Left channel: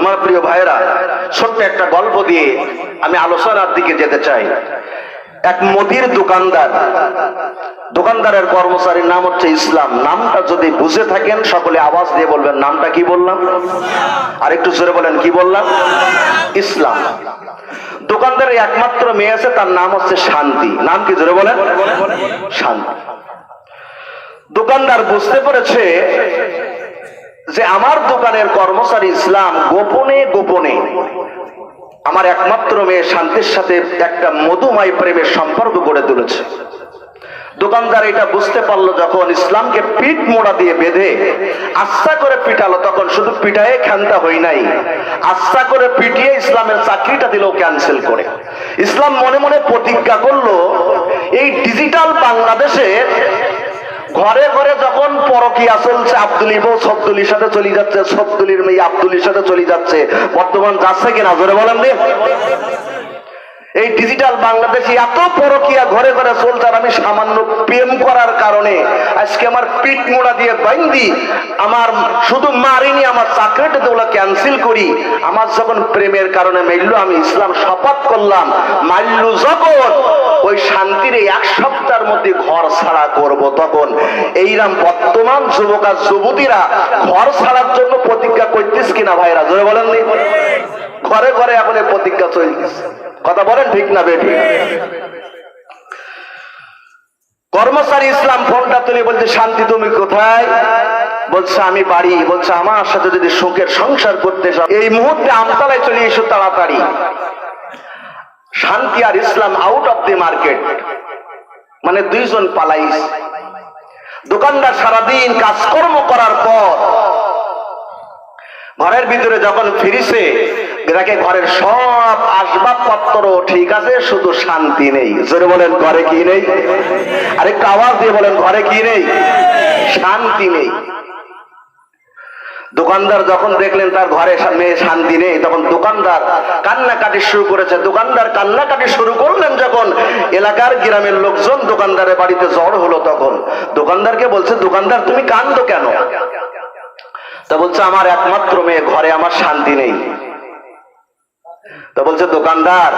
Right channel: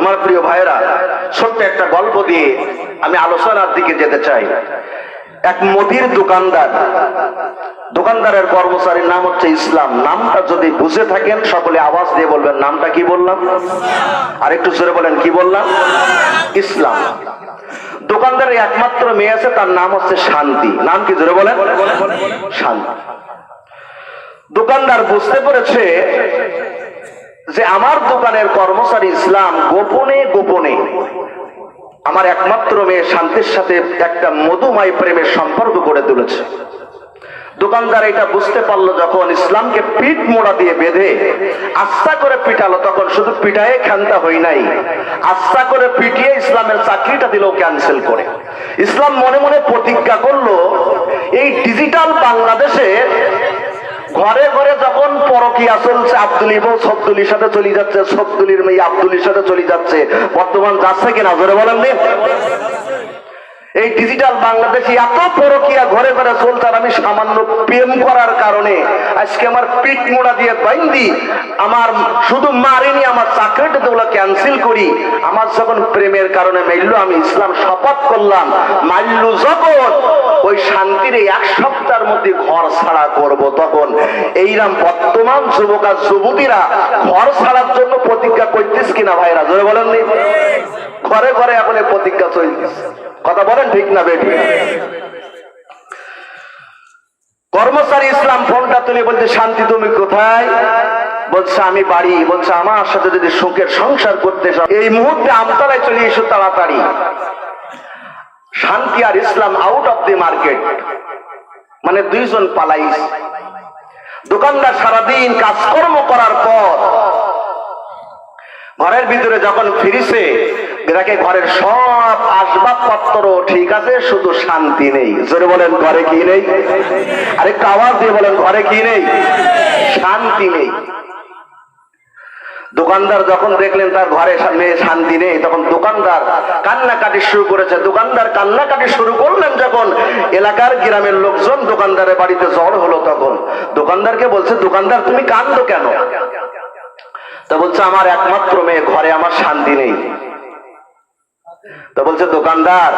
আমার প্রিয় ভাইয়েরা, ছোট্ট একটা গল্প দিয়ে আমি আলোচনার দিকে যেতে চাই। এক মুদির দোকানদার, দোকানদারের কর্মচারীর নাম হচ্ছে ইসলাম। নামটা যদি বুঝে থাকেন, সকলে আওয়াজ দিয়ে বলবেন, নামটা কি বললাম? আর একটু জোরে বলেন, কি বললাম? ইসলাম। দোকানদারের একমাত্র মেয়ে আছে, তার নাম হচ্ছে শান্তি। নাম কি জোরে বলেন? শান্তি। দোকানদার বুঝতে পেরেছে যে আমার দোকানের কর্মচারী ইসলাম গোপনে গোপনে আমার একমাত্র মেয়ে শান্তির সাথে একটা মধুময় প্রেমের সম্পর্ক গড়ে তুলেছে। দোকানদার এটা বুঝতে পারল যখন ইসলামকে পিঠ মোড়া দিয়ে বেঁধে আস্থা করে পিটালো, তখন শুধু পিটায়ে খান্তা হই নাই, আস্থা করে পিটিয়ে ইসলামের চাকরিটা দিল ক্যান্সেল করে। ইসলাম মনে মনে প্রতিজ্ঞা করল, এই ডিজিটাল বাংলাদেশে ঘরে ঘরে যখন পরকিয়া চলছে, আব্দুল বউ সবদুলির সাথে চলে যাচ্ছে, সবদুলির মেয়ে আব্দুলির সাথে চলে যাচ্ছে, বর্তমান যাচ্ছে কিনা ধরে বলেন দিন এই ডিজিটাল বাংলাদেশে এত পরকিয়া ঘরে ঘরে চলছে আমি সামান্য প্রেম করার কারণে আজকে আমার পিঠ মোড়া দিয়ে বাইন্দি আমার শুধু মারিনি, আমার চাকরিটা ওগুলো ক্যান্সেল করি। আমার যখন প্রেমের কারণে মাইল্য আমি ইসলাম শপথ করলাম মাইল্য যখন ওই শান্তির এক সপ্তাহের মধ্যে ঘর ছাড়া করব তখন। এইরাম বর্তমান যুবক আর যুবতীরা ঘর ছাড়ার জন্য প্রতিজ্ঞা করতিস কিনা ভাইরা, জোরে বলেন নি? ঘরে ঘরে এখন এই প্রতিজ্ঞা চলতেছে কথা বলেন ঠিক না বেটি কর্মচারী ইসলাম, ফোনটা তুলে বলছে, শান্তি, তুমি কোথায়? বলছে, আমি বাড়ি। বলছে, আমার সাথে যদি সুখের সংসার করতে চাও এই মুহূর্তে আমতলায় চলে এসো তাড়াতাড়ি। শান্তি আর Islam out of the market মানে দুইজন পালাইস দোকানদার সারাদিন কাজকর্ম করার পর ঘরের ভিতরে যখন ফিরিছে দেখে ঘরের সব আসবাবপত্র, ঠিক আছে, শুধু শান্তি নেই। জোরে বলেন, ঘরে কি নেই? আরেকটা আওয়াজ দিয়ে বলেন, ঘরে কি নেই? শান্তি নেই। দোকানদার যখন দেখলেন তার ঘরে মেয়ে শান্তি নেই, তখন দোকানদার কান্নাকাটি শুরু করেছে। দোকানদার কান্নাকাটি শুরু করলেন যখন এলাকার গ্রামের লোকজন দোকানদারের বাড়িতে জ্বর হলো তখন। দোকানদারকে বলছে, দোকানদার, তুমি কান্দো কেন? তা বলছে, আমার একমাত্র মেয়ে, ঘরে আমার শান্তি নেই। তা বলছে দোকানদার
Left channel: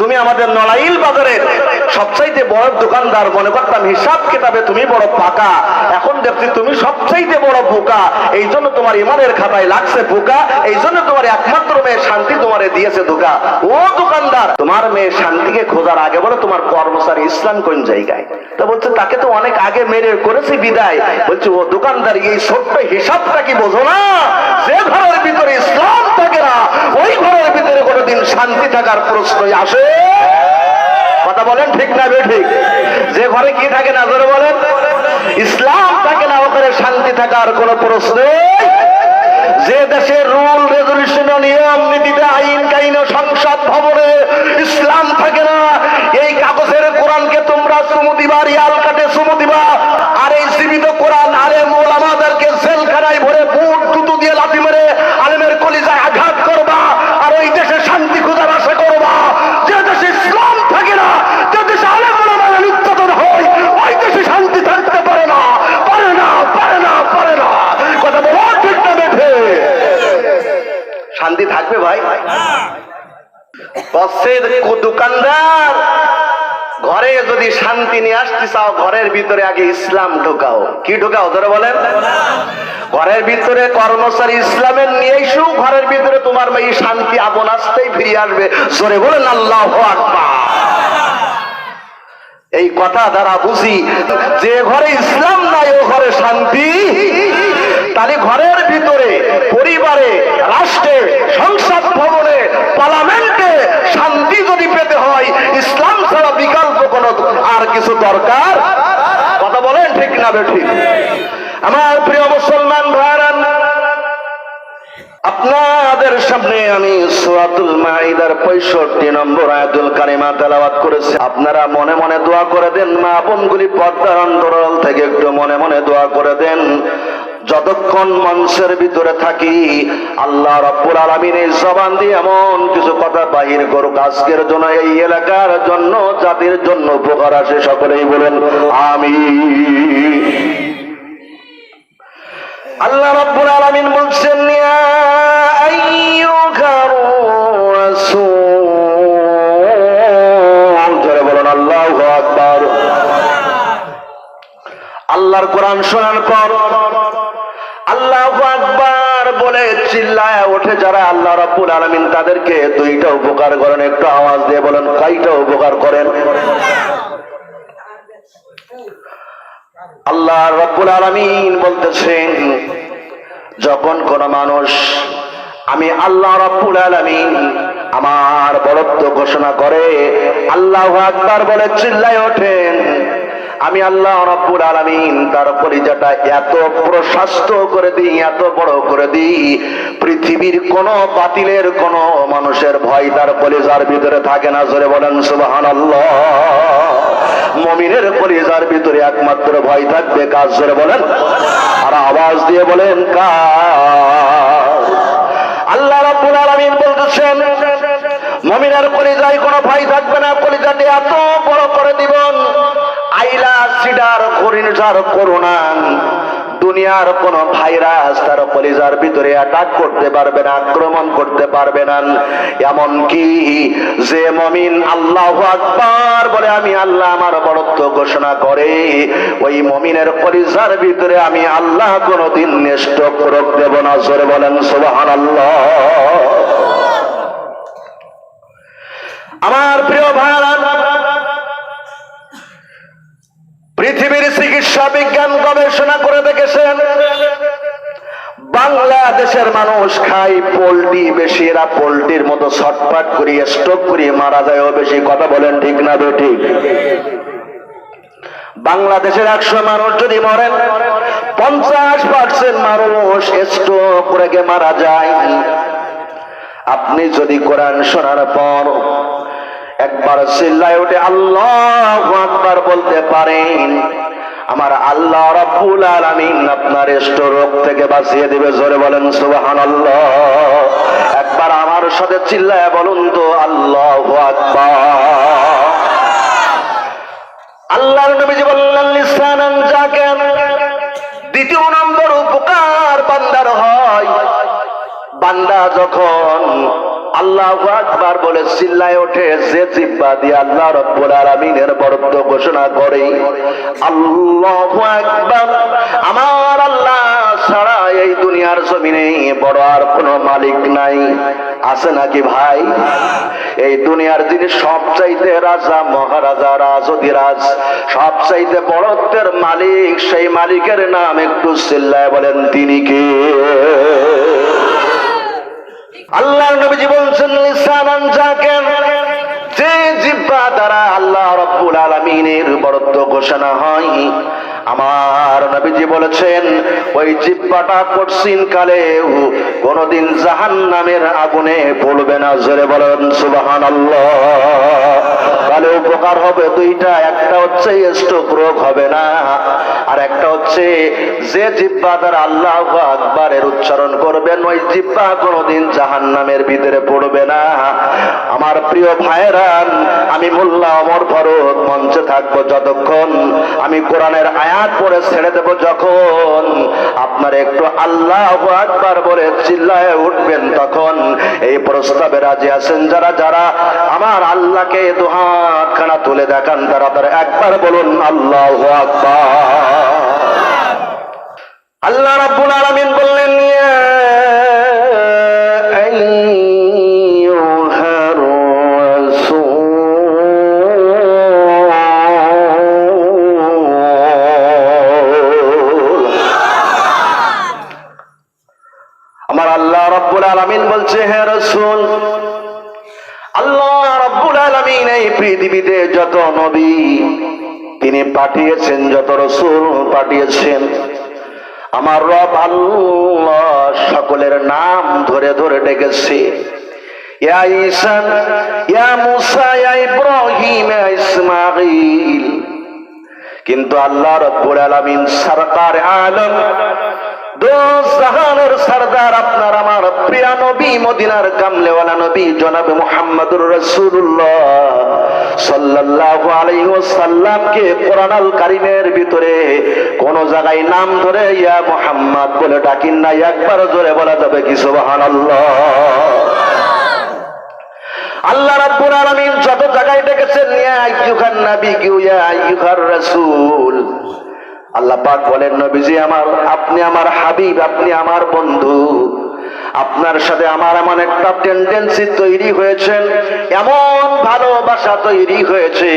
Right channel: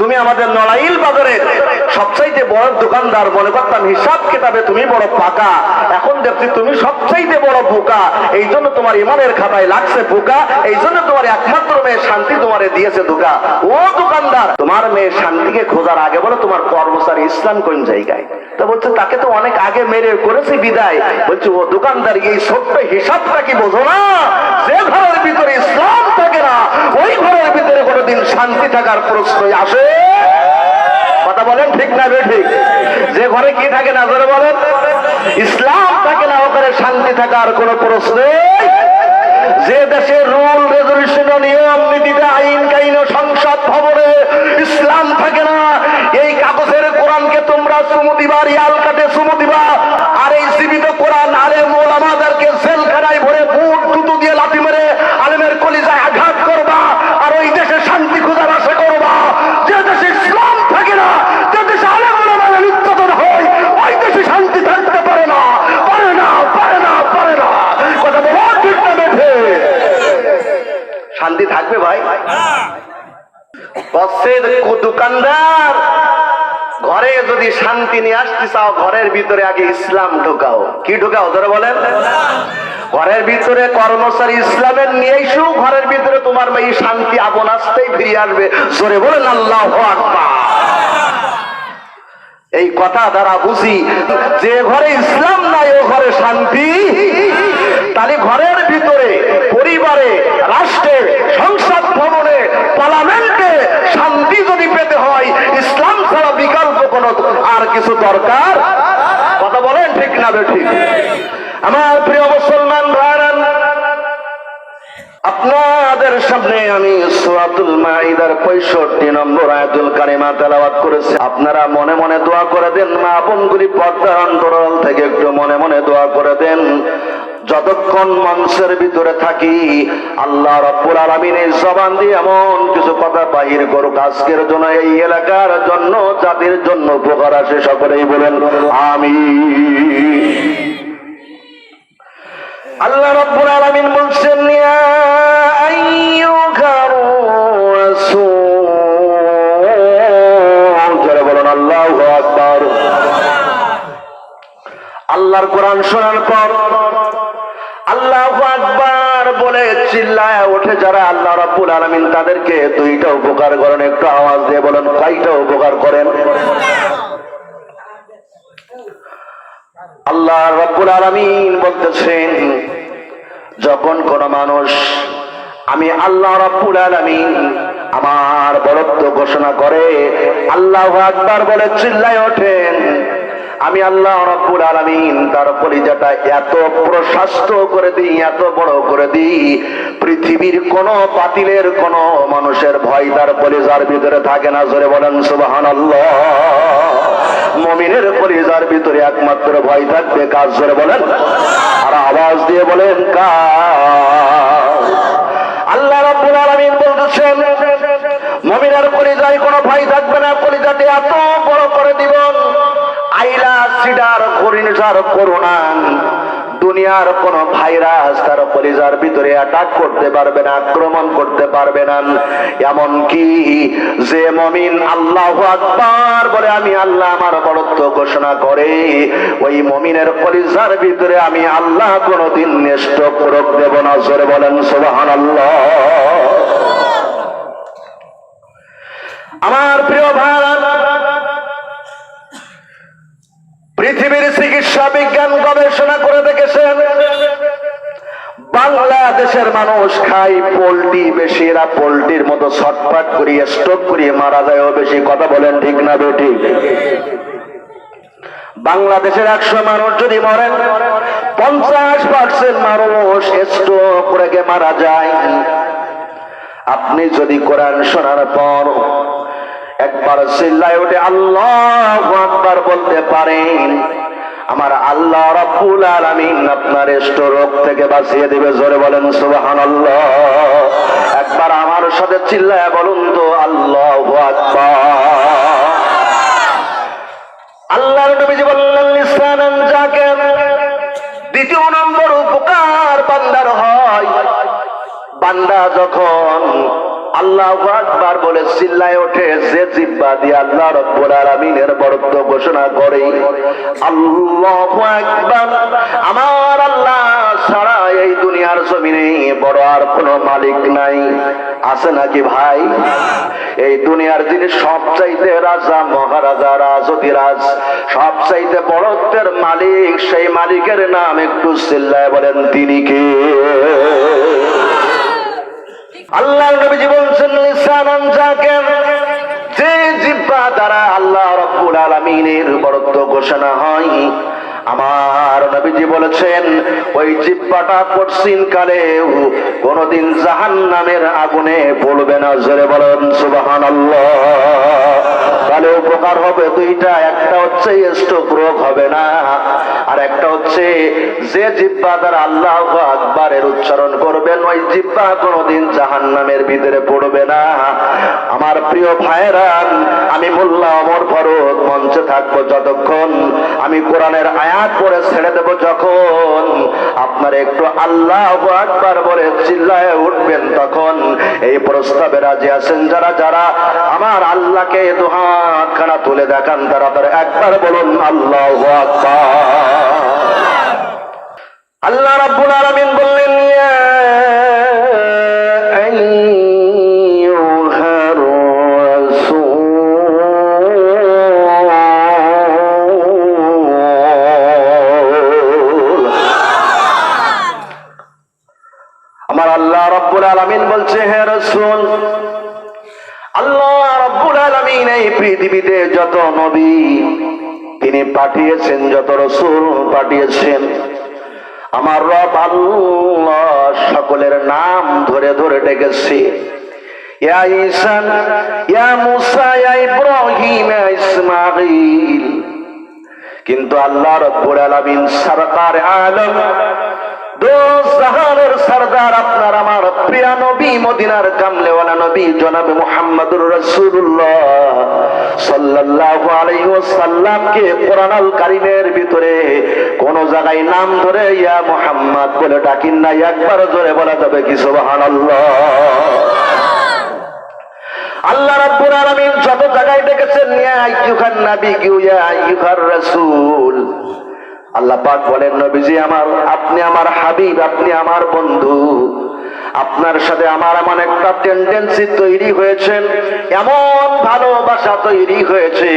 তুমি আমাদের নড়াইল বাজারের সবচাইতে বড় দোকানদার, মনে করতাম হিসাব কিতাবে তুমি বড় পাকা এখন দেখছি তুমি সবচাইতে বড় বোকা। এই জন্য তোমার ইমানের খাতায় লাগছে বোকা, এই জন্য তোমার একমাত্র মেয়ে শান্তি তোমারে দিয়েছে ধোকা ও দোকানদার, তোমার মেয়ে শান্তিকে খোঁজার আগে বলো তোমার কর্মচারী ইসলাম কোন জায়গায়? তো বলছে, তাকে তো অনেক আগে মেরে করেছে বিদায়। বলছে, ও দোকানদার, এই ছোট্ট হিসাবটা কি বোঝো না? যে ঘরের ভিতরে ইসলাম থাকে না, ওই ঘরের ভিতরে কোনোদিন শান্তি থাকার প্রশ্নই আসে কথা বলেন ঠিক না ঠিক যে ঘরে কি থাকে না ধরে বলেন? ইসলাম থাকে না ওখানে শান্তি থাকার কোনো প্রশ্ন যে দেশের রুল রেজলিউশন নিয়ম, নীতিতে আইন, কাইন, সংসদ, ভবনে ইসলাম থাকে না, এই কাগজের কোরআনকে তোমরা সুমতিবার ইয়াল কাটে চুমু দিবা আর এই জীবিত কোরআন আরে মোল আমাদেরকে জেলখানায় ভরে বুট জুতো দিয়ে লাথি মেরে আলেমের কলিজায় আঘাত করবা আর ওই দেশে শান্তি খোঁজার আশা করবা যে দেশে ইসলাম থাকে না যে দেশে আলেম ওলামায় উৎপাদন হয় ওই দেশে শান্তি থাকতে পারে না পারে না পারে না পারে না কথা বলা ঠিক না বেঠে শান্তি থাকবে ভাই? বসের দোকানদার, ঘরে যদি শান্তি নিয়ে আসতে চাও, ঘরের ভিতরে আগে ইসলাম ঢোকাও। কি ঢোকাও ধরে বলেন? ঘরের ভিতরে কর্মচারী ইসলামের নিয়ে এসো, ঘরের ভিতরে তোমার এই শান্তি আপন আসতেই ফিরে আসবে। জোরে বলেন, আল্লাহ এই কথা দ্বারা বুঝি, যে ঘরে ইসলাম নাই, ও ঘরে শান্তি তাহলে ঘরের ভিতরে, পরিবারে, রাষ্ট্রে, সংসদ ভবনে, পার্লামেন্টে শান্তি যদি পেতে হয়, ইসলাম ছাড়া বিকল্প কোন আর কিছু দরকার? কথা বলেন ঠিক না ঠিক। আমার প্রিয় মুসলমান ভাইরান আপনাদের সামনে আমি সুরাতুল মাইদার পঁয়ষট্টি নম্বর আয়াতুল কারিমা তেলাওয়াত করেছি। আপনারা মনে মনে দোয়া করে দেন, মা বোনগুলি পর্দার অন্তরাল থেকে একটু মনে মনে দোয়া করে দেন। যতক্ষণ মানুষের ভিতরে থাকি, আল্লাহ রব্বুল আলমিনের জবান দিয়ে এমন কিছু কথা বাহির করুক। আজকের জন্য এই এলাকার জন্য, জাতির জন্য উপকার আসে, সকলেই বলেন আমি আল্লাহ রব্বুল আলমিন বলছেন আল্লাহর কোরআন শোনার পর বলে চিল্লায় ওঠে যারা আল্লাহ রাব্বুল আলামিন তাদেরকে দুইটা উপকার করেন, একটু আওয়াজ দিয়ে বলেন, কয়টা উপকার করেন? আল্লাহ রাব্বুল আলামিন বলতেছেন, যখন কোন মানুষ, আমি আল্লাহ রাব্বুল আলামিন আমার বরত্ব ঘোষণা করে, আল্লাহ আকবার বলে চিল্লায় ওঠেন। আমি আল্লাহ রব্বুল আলামিন তার পরিজাটা এত প্রশস্ত করে দিই, এত বড় করে দিই, পৃথিবীর কোন বাতিলের, কোন মানুষের ভয় তার পরিজার ভিতরে থাকে না। জোরে বলেন, সুবহানাল্লাহ। মমিনের পরিজার ভিতরে একমাত্র ভয় থাকবে কাজ জোরে বলেন। আর আওয়াজ দিয়ে বলেন কাজ আল্লাহ রাব্বুল আলামিন বলতেছেন, মুমিনের কলিজায় কোনো ভয় থাকবে না। কলিজাতে এত বড় ঘূর্ণিঝড় করোনা দুনিয়ার কোন ভাইরাস তার কলিজার ভিতরে অ্যাটাক করতে পারবে না, আক্রমণ করতে পারবে না। এমন কি যে মমিন আল্লাহ আকবার বলে আমি আল্লাহ আমার বড়ত্ব ঘোষণা করে, ওই মমিনের কলিজার ভিতরে আমি আল্লাহ কোনদিন নেষ্ট রোগ দেব না। জোরে বলেন সুবাহান আল্লাহ আমার প্রিয় ভারত পৃথিবীর চিকিৎসা বিজ্ঞান গবেষণা করে দেখেছেন, বাংলাদেশের মানুষ খায় পোল্ট্রি বেশি, এরা পোল্ট্রির মতো ছটফট করিয়ে স্টক করিয়ে মারা যায়। বেশি কথা বলেন ঠিক না বেঠিক বাংলাদেশের একশো মানুষ যদি মরেন, পঞ্চাশ পার্সেন্ট মানুষ স্ট্রোক করে মারা যায়। আপনি যদি কোরআন শোনার পর একবার চিল্লায় উঠে আল্লাহ আকবার বলতে পারেন, আমার আল্লাহ রাব্বুল আলামিন আপনার রোগ থেকে বাঁচিয়ে দিবে, জোরে বলেন সুবহানাল্লাহ। একবার আমার সাথে চিল্লায় বলুন তো, আল্লাহু আকবার। আল্লাহর নবীজি বললেন লিসানান যাকে দ্বিতীয় নম্বর উপকার বান্দার হয়, বান্দা যখন আল্লাহ আকবার বলে চিল্লায় ওঠে, যে জিব্বা দিয়ে আল্লাহ রব্বুল আলামিনের বরত্ব ঘোষণা করে। আল্লাহু আকবার। আমার আল্লাহ ছাড়া এই দুনিয়ার জমিনে বড় আর কোনো মালিক নাই। আছে নাকি ভাই? এই দুনিয়ার যিনি সবচাইতে রাজা, মহারাজা, রাজধিরাজ, সবচাইতে বড়ত্বের মালিক, সেই মালিকের নাম একটু চিল্লায় বলেন, তিনি কে? আল্লাহ নবীজি বলছেন লিসানান জাকের যে জিব্বা দ্বারা আল্লাহ রব্বুল আলামিনের বরত্ব ঘোষণা হয়, আমার নবীজি বলেছেন, ওই জিব্বাটা কঠিন কালে কোনদিন জাহান নামের আগুনে পড়বে না। জোরে বলেন সুবাহান তাহলে উপকার হবে, দুইটা, একটা হচ্ছে স্ট্রোক রোগ হবে না, আর একটা হচ্ছে যে জিব্বা দ্বারা আল্লাহ আকবারের উচ্চারণ করবেন, ওই জিব্বা কোনোদিন জাহান নামের ভিতরে পড়বে না। আমার প্রিয় ভাইরান আমি মোল্লা অমর ভরত মঞ্চে থাকব যতক্ষণ, আমি কোরআনের আয়াত পরে ছেড়ে দেব যখন, আপনার একটু আল্লাহ আকবার বলে চিল্লায় উঠবেন তখন। এই প্রস্তাবে রাজি আছেন যারা যারা আমার আল্লাহকে দুহাত খানা তুলে দেখান তারা তারা একবার বলুন আল্লাহ আল্লাহ রাব্বুল আলামিন বললেন যত রসুল পাঠিয়েছেন। আমার রব আল্লাহ সকলের নাম ধরে ধরে ডেকেছে। কিন্তু আল্লাহ রব্বুল আলামিন সরকার আলম দো জাহানের সরদার, আপনার আমার প্রিয় নবী, মদিনার কামলেওয়ালা নবী, জনাব মুহাম্মদুর রাসূলুল্লাহ। সাল্লাল্লাহু ভিতরে কোন জায়গায় নাম ধরে বলে না, একবার জোরে আল্লাহ আল্লাহ বলেন, নবীজি আমার, আপনি আমার হাবিব, আপনি আমার বন্ধু। আপনার সাথে আমার এমন একটা টেন্ডেন্সি তৈরি হয়েছে, এমন ভালোবাসা তৈরি হয়েছে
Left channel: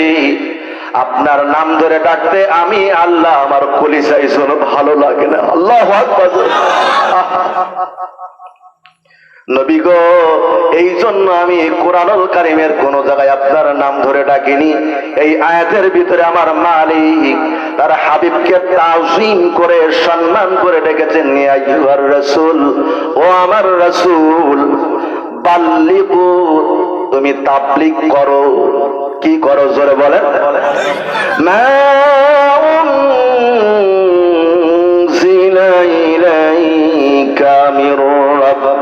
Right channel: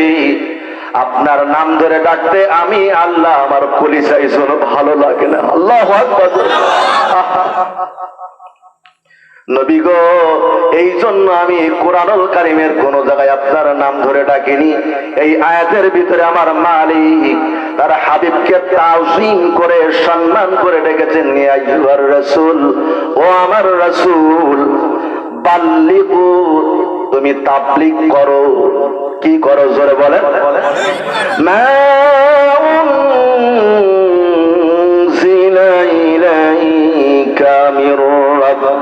আপনার নাম ধরে ডাকতে আমি আল্লাহ আমার কলিসাই ভালো লাগে না আল্লাহ। নবী এই জন্য আমি কোরআনুল কারিমের কোন জায়গায় আপনার নাম ধরে ডাকিনি। এই আয়াতের ভিতরে আমার মালিক, তার হাবিবকে তাজিম করে, সম্মান করে ডেকেছেন নিয়ার রসুল, ও আমার রসুল তুমি তাবলিক করো। কি করো, জোরে বলেন।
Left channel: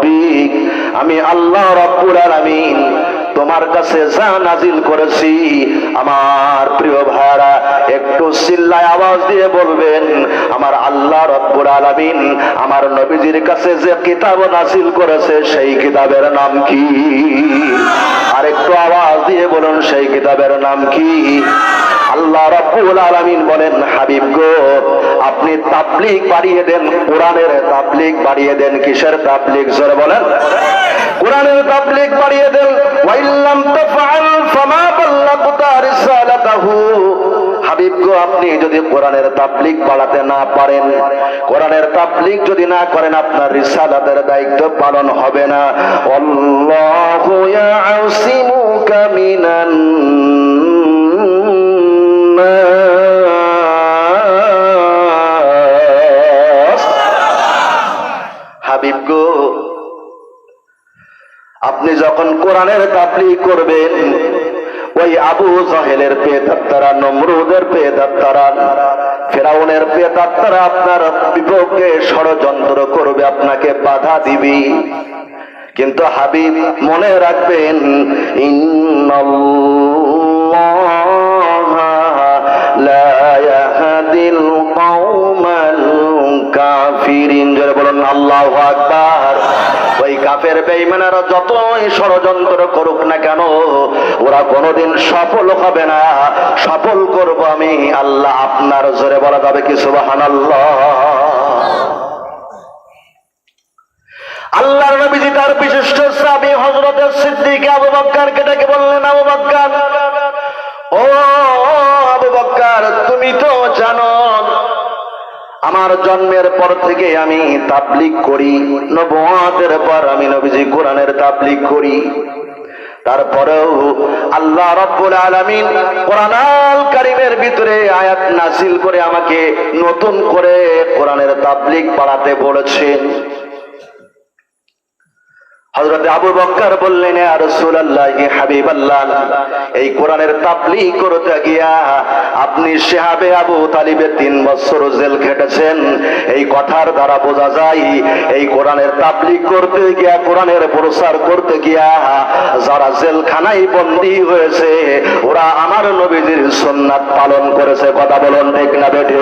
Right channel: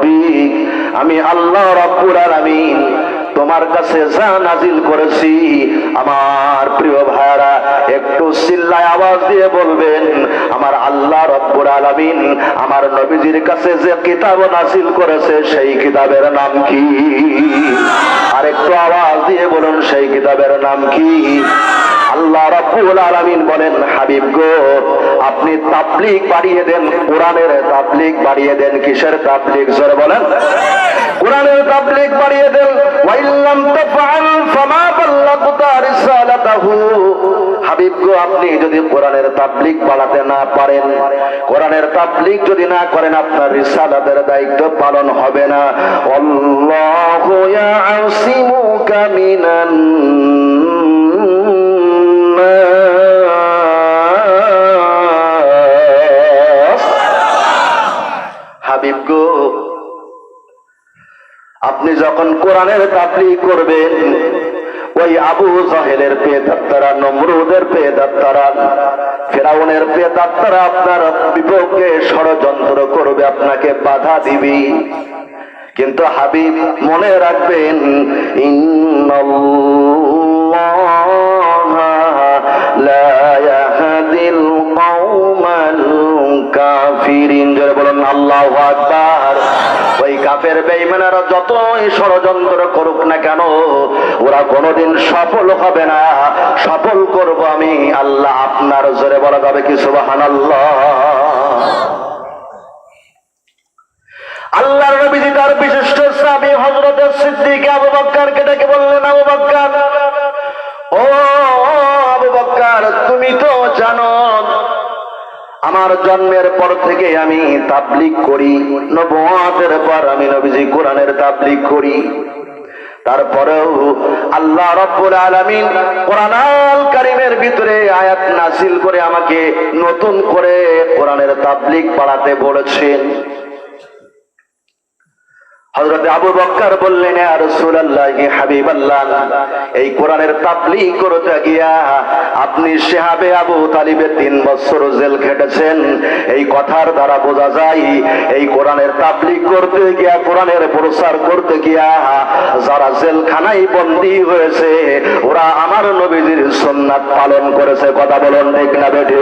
রব্বিক আমি আল্লাহ রব্বুল আলামিন তোমার কাছে যা নাজিল করেছি, আমার প্রিয় ভাইরা একটু চিল্লায় আওয়াজ দিয়ে বলবেন, আমার আল্লাহ রব্বুর আলামিন আমার নবীজির কাছে যে কিতাব নাজিল করেছে, সেই কিতাবের নাম কি? আর একটু আওয়াজ দিয়ে বলুন, সেই কিতাবের নাম কি? আল্লাহ রাব্বুল আলামিন বলেন, হাবিব গো, আপনি তাবলিগ বাড়িয়ে দেন, কোরআনের তাবলিগ বাড়িয়ে দেন, কিসের তাবলিগ স্যার বলেন? কোরআনের তাবলিগ বাড়িয়ে দেন, ওয়াইল্লাম তাফআল ফামা বাল্লাগতা রিসালাতাহু। হাবিব গো, আপনি যদি কোরআনের তাবলিগ বাড়াতে না পারেন, কোরআনের তাবলিগ যদি না করেন, আপনার রিসালাতের দায়িত্ব পালন হবে না। আল্লাহু ইয়াসিমুকা মিনান গো। আপনি যখন কোরআনের তাবলি করবেন, ওই আবু জাহেলের পেদাত্তারা নমরুদের পেদাত্তারা ফেরাউনের পেদাত্তারা আপনার বিপক্ষে ষড়যন্ত্র করবে, আপনাকে বাধা দিবি। কিন্তু হাবিব মনে রাখবেন, ইন্নাল্লাহা লা ইয়াহদিল কওমাল কাফিরিন। জোরে বলুন, আল্লাহু কাফের বেঈমানেরা যতই ষড়যন্ত্র করুক না কেন, ওরা কোনোদিন সফল হবে না। সফল করব আমি। আল্লাহ আপনার জোরে বলা যাবে কি? সুবহানাল্লাহ। আল্লাহর নবীজি তার বিশিষ্ট সাহাবী হযরত সিদ্দিক আবু বকরকে ডেকে বললেন, আবু বকর ও আবু বকর তুমি তো জানো আমার জন্মের পর থেকে আমি তাবলিক করি নবুয়াতের পর আমি নবীজি কোরআনের তাবলিক করি। তারপরেও আল্লাহ রব্বুল আলামিন কোরআন কারীমের ভিতরে আয়াত নাসিল করে আমাকে নতুন করে কোরআনের তাবলিক পড়াতে বলেছেন। হযরত আবু বকর বললেন হাবিবাল্লাহ, এই কোরআনের তাবলীগ করতে গিয়া আপনি শিহাবে আবু তালিবে তিন বছর জেল খেটেছেন। এই কথার দ্বারা বোঝা যায়, এই কোরআনের তাবলীগ করতে গিয়া, কোরআনের প্রচার করতে গিয়া যারা জেলখানায় বন্দী হয়েছে, ওরা আমার নবীজির সুন্নাত পালন করেছে। কথা বলুন ঠিক না বেঠে?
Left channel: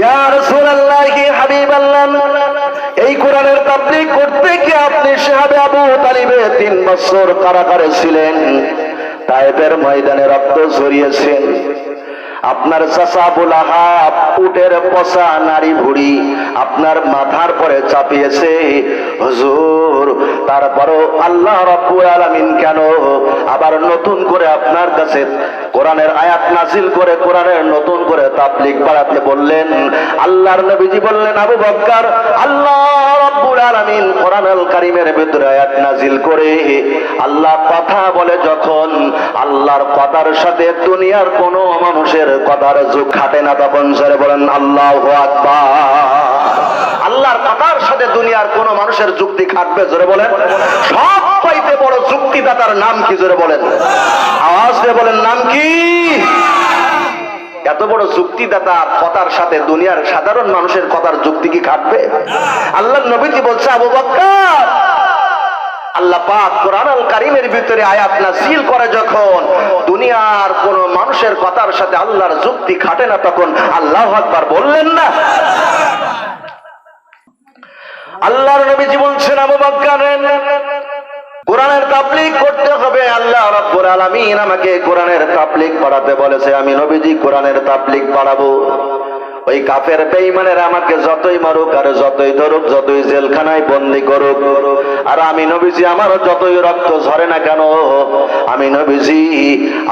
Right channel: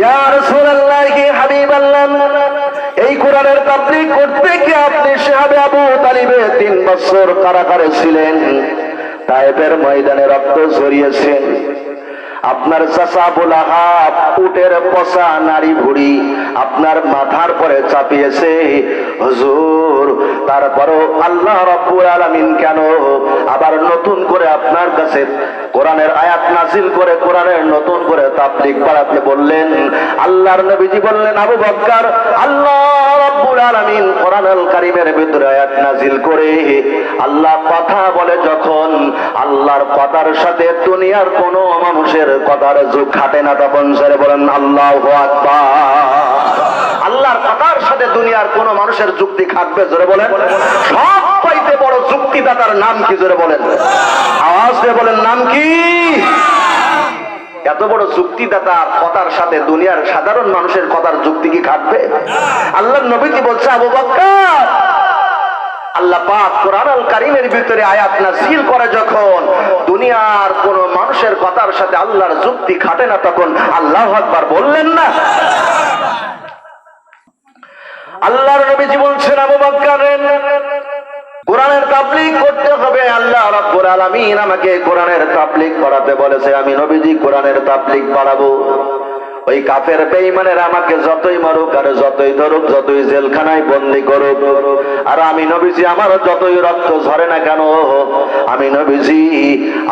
ইয়া রাসূলুল্লাহ কি হাবিবাল্লাহ, এই কোরআনের তাবলীগ করতে কি আপনি সাহাবে আবু তালিবে তিন বছর কারাগারে ছিলেন? তাইবের ময়দানে রক্ত ঝরিয়েছেন। আপনার চাচা বোলাহাত উটের পচা নারী ভুড়ি আপনার মাথার পরে চাপিয়েছে। হুজুর, তারপরও আল্লাহ রাব্বুল আলামিন কেন আবার নতুন করে আপনার কাছে কোরআনের আয়াত নাজিল করে, কোরআনের নতুন করে তাবলিগ বাড়াতে বললেন? আল্লাহর নবীজি বললেন, আবু বকর আল্লাহ রাব্বুল আলামিন কোরআনুল কারীমের ভিতরে আয়াত নাজিল করে আল্লাহ কথা বলে যখন আল্লাহর কথার সাথে দুনিয়ার কোন মানুষের কথার যুগ খাটে না তখন স্যার বলেন, আল্লাহু আকবার। আল্লাহর কথার সাথে দুনিয়ার কোন মানুষের যুক্তি খাটবে জোরে বলেন? সব পাইতে বড় যুক্তিদাতার নাম কি জোরে বলেন? আওয়াজ দিয়ে বলেন এত বড় যুক্তিদাতা কথার সাথে দুনিয়ার সাধারণ মানুষের কথার যুক্তি কি খাটবে আল্লাহ নবীজি বলছে, আবু বক্কর? আল্লাহ কোন মানুষের কথার সাথে আল্লাহর যুক্তি খাটে না, তখন আল্লাহ বললেন না। আল্লাহর নবীজি বলছেন, আবু কোরআনের তাবলিক করতে হবে। আল্লাহ রাব্বুল আলামিন আমাকে কোরআনের তাবলিগ পড়াতে বলেছে। আমি নবীজি কোরআনের তাবলিগ পড়াবো। ওই কাফের বেইমানের আমাকে যতই মারুক আর যতই ধরুক, যতই জেলখানায় বন্দি করুক। আর আমি নবীজি আমার যতই রক্ত ঝরে না কেন? আমি নবীজি,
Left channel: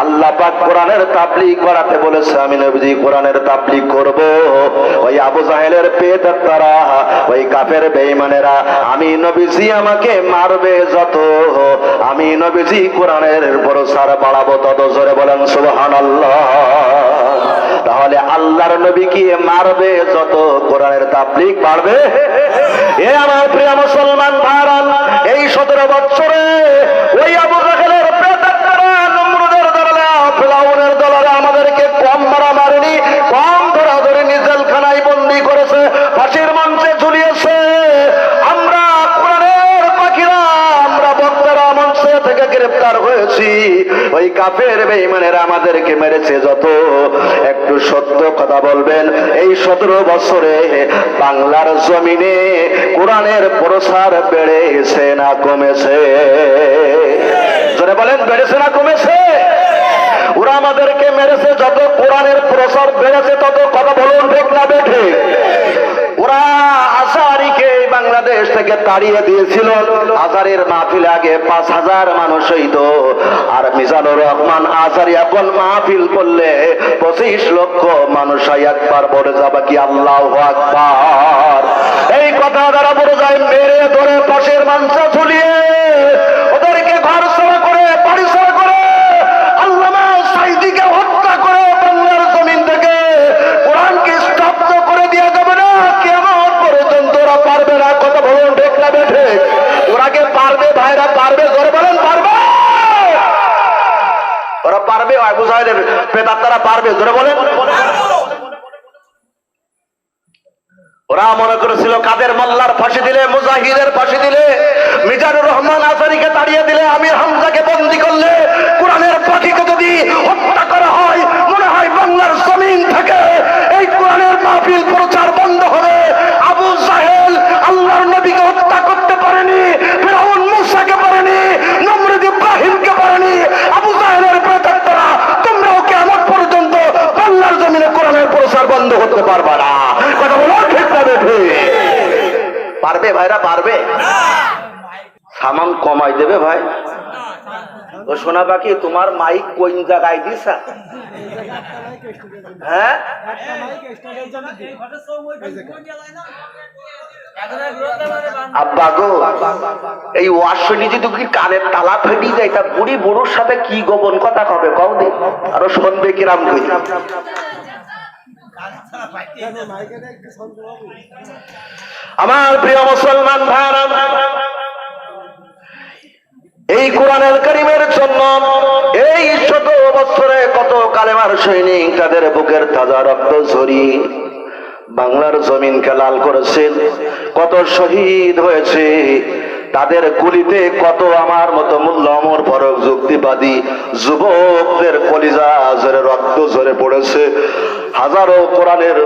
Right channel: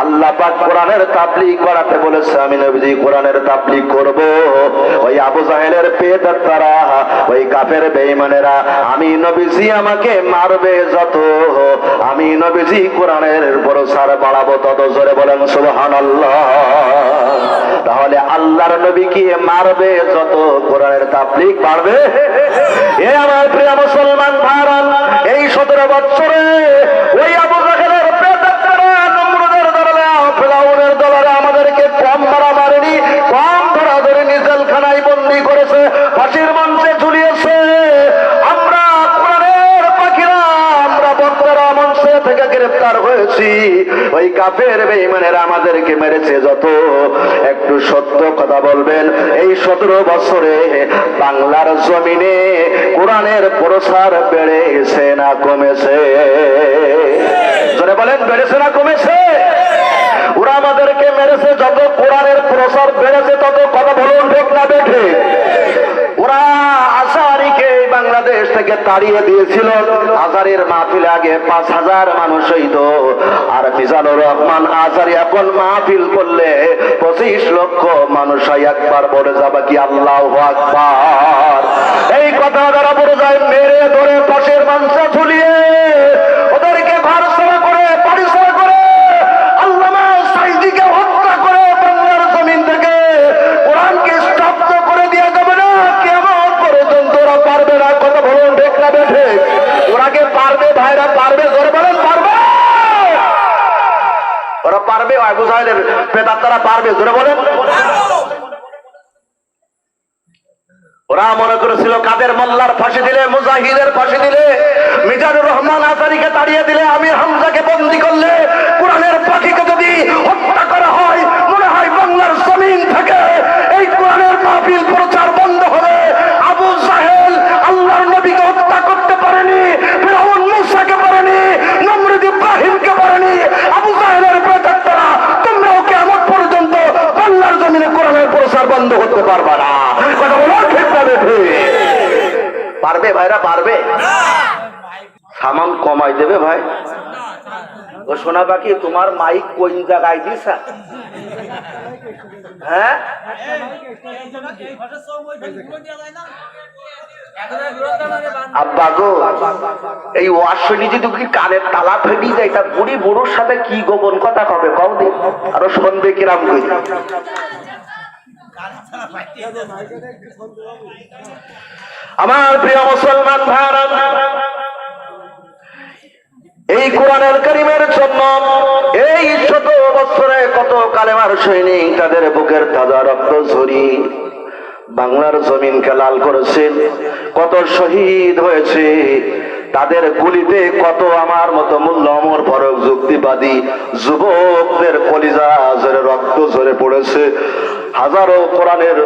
আল্লাহ পাক কোরআনের তাবলিগ করাতে বলেছে, আমি নবীজি কোরআনের তাবলিগ করব। ওই আবু জাহেলের পেট তারা ওই কাফের বেইমানেরা আমি নবীজি আমাকে মারবে যত, আমি নবীজি কোরআনের বড় সার বাড়াবো তত। জোরে বলেন, সুবহানাল্লাহ। তাহলে আল্লাহর নবী কি মারবে? যত কোরআনের তাবলিক পারবে এ আমার প্রিয় মুসলমান ভারত এই সতেরো বছরে ওই আবু থেকে গ্রেফতার হয়েছি। ওই কাফের বেইমানেরা আমাদেরকে মেরেছে যত। একটু সত্য কথা বলবেন, এই সতেরো বছরে বাংলার জমিনে কোরআনের প্রসার বেড়েছে না কমেছে? বলেন, বেড়েছে না কমেছে? ওরা আমাদেরকে মেরেছে যত, কোরআনের প্রসার বেড়েছে তত। কথা বলুন ঠিক না বেঠে বাংলাদেশ থেকে তাড়িয়ে দিয়েছিল। আজারের মাহফিল আগে পাঁচ হাজার মানুষ হইত আর মিজানুর রহমান আজারি এখন মাহফিল করলে পঁচিশ লক্ষ মানুষ হয় একবার বলে যাবে কি আল্লাহ আকবার। এই কথা দ্বারা বলে যায়, মেরে ধরে পাশের মাংস ঝুলিয়ে ওদেরকে ঘর ছাড়া করে বাড়ি ছাড়া করে আল্লামা সাইদিকে হত্যা করে বাংলার জমিন থেকে কোরআনকে স্তব্ধ করে দিয়ে যাবে না কেমন পর্যন্ত ওরা পারবে না কত ভবন ঠিক না বেঠে ওরা কে পারবে ভাইরা পারবে জোর বলেন পারবে ওরা পারবে আবু সাহেবের প্রেতাত্মারা পারবে জোরে বলেন ওরা মনে করেছিল কাদের মোল্লার ফাঁসি দিলে মুজাহিদের ফাঁসি দিলে মিজানুর রহমান আজারিকে তাড়িয়ে দিলে আমি হামজাকে বন্দি করলে কোরআনের পাখিকে যদি হত্যা করা হয় মনে হয় বাংলার জমিন থেকে এই কোরআনের মাহফিল প্রচার বন্ধ হবে আবু সাহেল আল্লাহর নবীকে হত্যা করতে পারেনি ফেরাউন মুসাকে পারেনি নমরুদ ইব্রাহিমকে পারেনি আবু সাহেলের প্রেতাত্মারা তোমরাও কেমন পর্যন্ত বাংলার জমিনে কোরআনের প্রচার বন্ধ হতে পারবে না কথা বলো ঠিক না বেঠে পারবে ভাইরা পারবে সামান কমাই দেবে ভাই শোনা বাকি, তোমার মাইক কোন জায়গায় দিছা? হ্যাঁ? এই যদি কানের তালা ফেটি যায় তা বুড়ি বুড়োর সাথে কি গোপন কথা হবে কও আরও শুনবে কিরাম আমার প্রিয় মুসলমান ভাইরা এই কোরআনের কারিমের জন্য এই শত বছরে কত কালেমার সৈনিক তাদের বুকের তাজা রক্ত ঝরিয়ে বাংলার জমিনকে লাল করেছেন কত শহীদ হয়েছে, তাদের গুলিতে কত আমার মতো মূল্য অমর ফরক যুক্তিবাদী যুবকদের কলিজা জোরে রক্ত ঝরে পড়েছে। হাজারো কোরআনের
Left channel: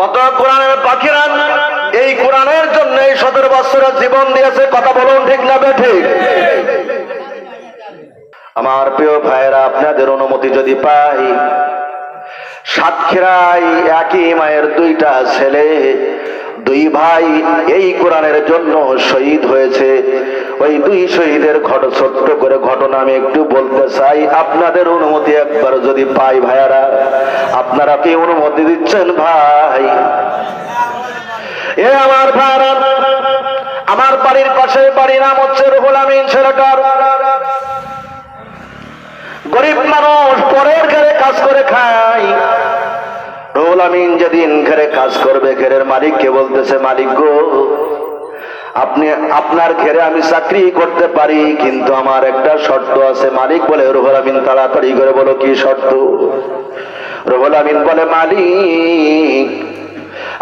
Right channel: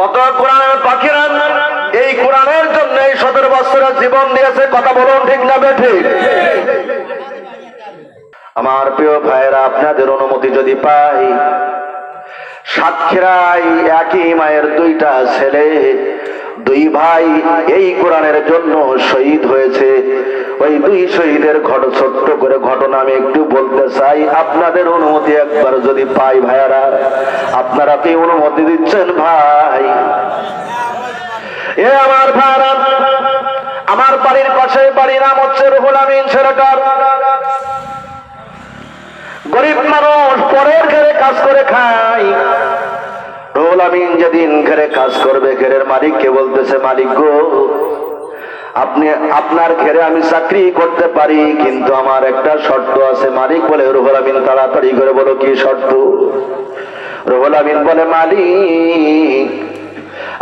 কত কোরআনের পাখিরা এই কোরআনের জন্য এই সতেরো বছরের জীবন দিয়েছে, কথা বলুন ঠিক না ঠিক? আমার প্রিয় ভাইরা আপনাদের অনুমতি যদি পাই সাতক্ষীরাই একই মায়ের দুইটা ছেলে, দুই ভাই এই কোরআনের জন্য শহীদ হয়েছে। ওই দুই শহীদের ঘট ছোট্ট করে ঘটনা আমি একটু বলতে চাই। আপনাদের অনুমতি একবার যদি পাই ভাইয়ারা আপনারা কি অনুমতি দিচ্ছেন ভাই? এ আমার ভাইয়ারা আমার বাড়ির পাশে বাড়ির নাম হচ্ছে রুহুল আমিন ছেলেটার গরিব মানুষ পরের ঘরে কাজ করে খায়। রুহুল আমিন যেদিন ঘরে কাজ করবে, ঘরের মালিককে বলতেছে, মালিক গো, আপনি, আপনার ঘেরে আমি চাকরি করতে পারি, কিন্তু আমার একটা শর্ত আছে। মালিক বলে, রুহুল আমিন, তাড়াতাড়ি করে বলো কি শর্ত? রুহুল আমিন বলে, মালিক,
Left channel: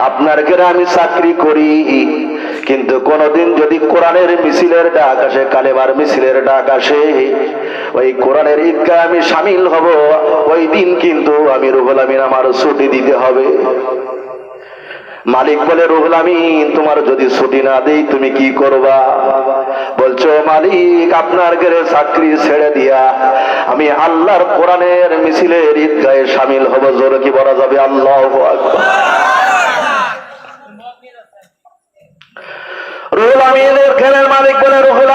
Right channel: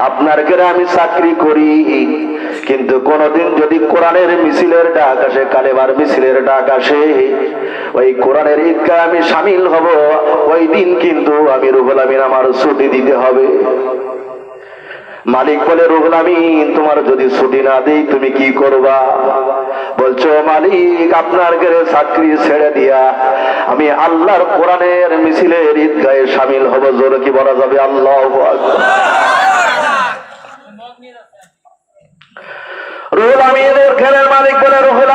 আপনার ঘরে আমি চাকরি করি, কিন্তু কোনদিন যদি কোরআনের মিছিলের ডাক আসে কালেবার মিছিলের ডাক আসে, ওই কোরআনের ঈদগা আমি সামিল হব, ওই দিন কিন্তু আমি রুহুল আমিন আমার ছুটি দিতে হবে। মালিক বলে, রুহুল আমিন, তোমার যদি ছুটি না দেই তুমি কি করবা? বলছো, মালিক, আপনার ঘরে চাকরি ছেড়ে দিয়া আমি আল্লাহর কোরআনের মিছিলের ঈদগাহে সামিল হব। জোর কি বলা যাবে? আল্লাহ রুহুল আমিনের ঘরের মালিক বলে, রুহুল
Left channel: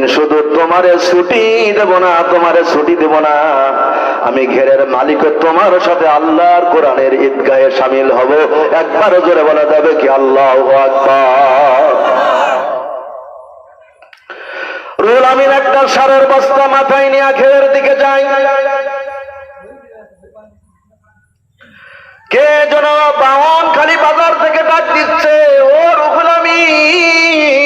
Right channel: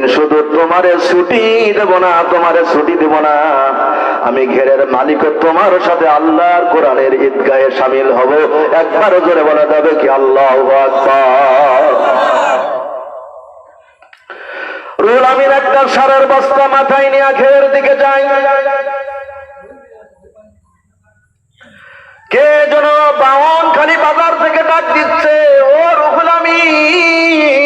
দিন শুধু তোমারে ছুটি দেব না তোমারে ছুটি দেব না। আমি ঘেরের মালিক, তোমার সাথে আল্লাহর কোরআনের ঈদগাহে সামিল হব। একবারও জোরে বলা যাবে কি আল্লাহ রুল আমিন একটা সারের বস্তা মাথায় নিয়ে ঘেরের দিকে যাই কে যেন বাহন খালি বাজার থেকে ডাক দিচ্ছে, ও রুহুল আমিন!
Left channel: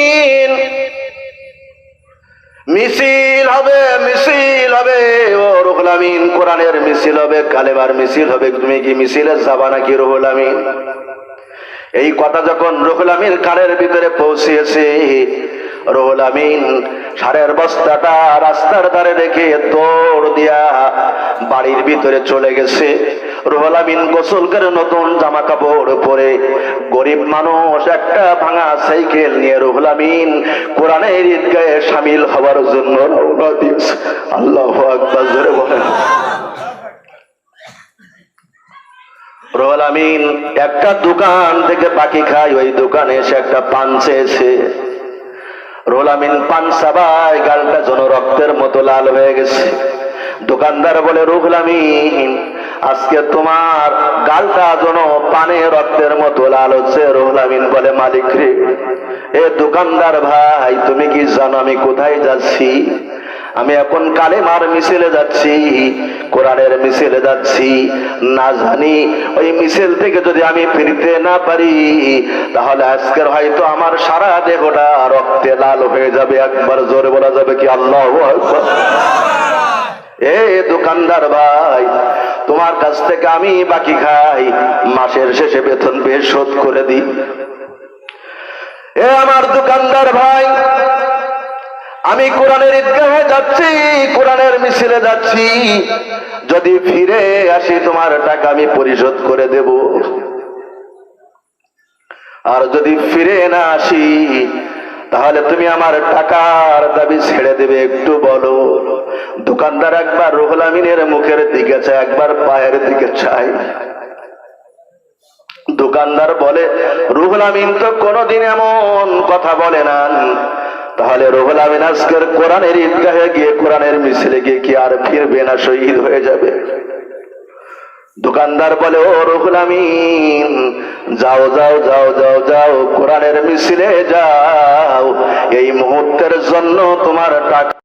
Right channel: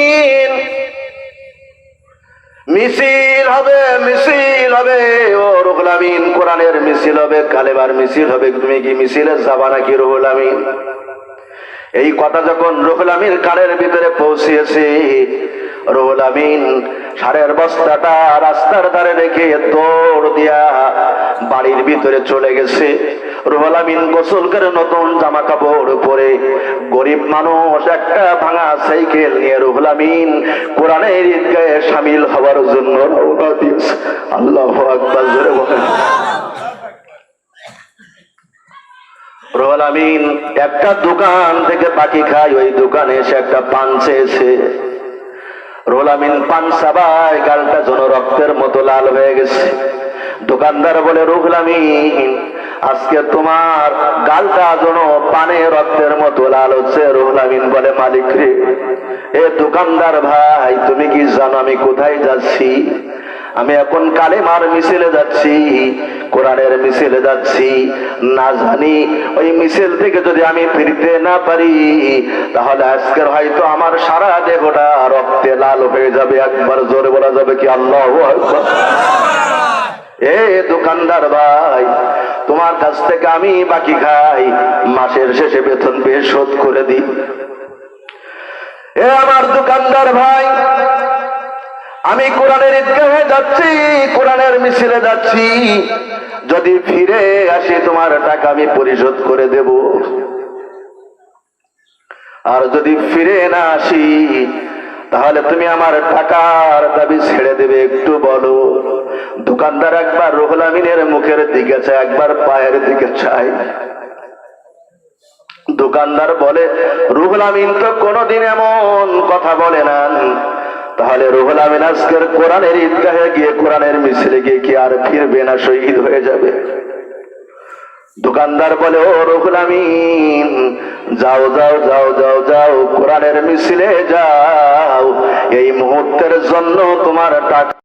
মিছিল হবে মিছিল হবে। ও রুহুল আমিন, কোরআনের মিছিল হবে কালেবার মিছিল হবে। তুমি কি মিছিলে যাবা নাকি রুহুল আমিন? এই কথা যখন রুহুল আমিন কানের ভিতরে পৌঁছিয়েছে, রুহুল আমিন সারের বস্তাটা রাস্তার ধারে রেখে দৌড় দিয়া বাড়ির ভিতরে চলে গেছে। রুহুল গোসল করে নতুন জামা কাপড় পরে গরিব মানুষ একটা ভাঙা সাইকেল নিয়ে রুহুল কোরআনের সামিল হওয়ার জন্য রওনা দিয়েছে। আল্লাহ একটা দোকান থেকে পাখি খাই ওই দোকানে এসে একটা পান চেয়েছে। আমিন পান সাবাই গালটা যেন রক্তের মতো লাল হয়ে গেছে। দোকানদার বলে রুহুল আজকে তোমার গালটা যেন পানে রক্তের মতো লাল হচ্ছে রুহুল আমিন বলে মালিক রে। এ দোকানদার ভাই, তুমি কি জানো আমি কোথায় যাচ্ছি? আমি এখন কালেমার মিছিলে যাচ্ছি, কোরআনের মিছিলে যাচ্ছি। না জানি, ওই মিছিল থেকে যদি আমি ফিরতে না পারি, তাহলে আজকের হয়তো আমার সারা দেহটা রক্তে লাল হয়ে যাবে। একবার জোরে বলা যাবে কি আল্লাহ এ দোকানদার ভাই তোমার কাছ থেকে আমি বাকি খাই। মাসের শেষে বেতন পেয়ে শোধ করে দিই। এ আমার দোকানদার ভাই, আমি কোরআনের ঈদগাহে যাচ্ছি, কোরআনের মিছিলে যাচ্ছি। যদি ফিরে আসি তোমার টাকা আমি পরিশোধ করে দেব। আর যদি ফিরে না আসি তাহলে তুমি আমার টাকার দাবি ছেড়ে দেবে, একটু বলো। দোকানদার একবার রুহুল আমিনের মুখের দিকে চায়, একবার পায়ের দিকে চায়। দোকানদার বলে, রুহুল আমিন তো কোনোদিন এমন কথা বলে না তাহলে রুহুল আমিন আজকের কোরআনের ঈদগাহে গিয়ে কোরআনের মিছিলে গিয়ে কি আর ফিরবে না, শহীদ হয়ে যাবে? দোকানদার বলে, ও রুহুল আমিন, যাও যাও যাও যাও যাও, কোরআনের মিছিলে যাও। এই মুহূর্তের জন্য তোমার টাকা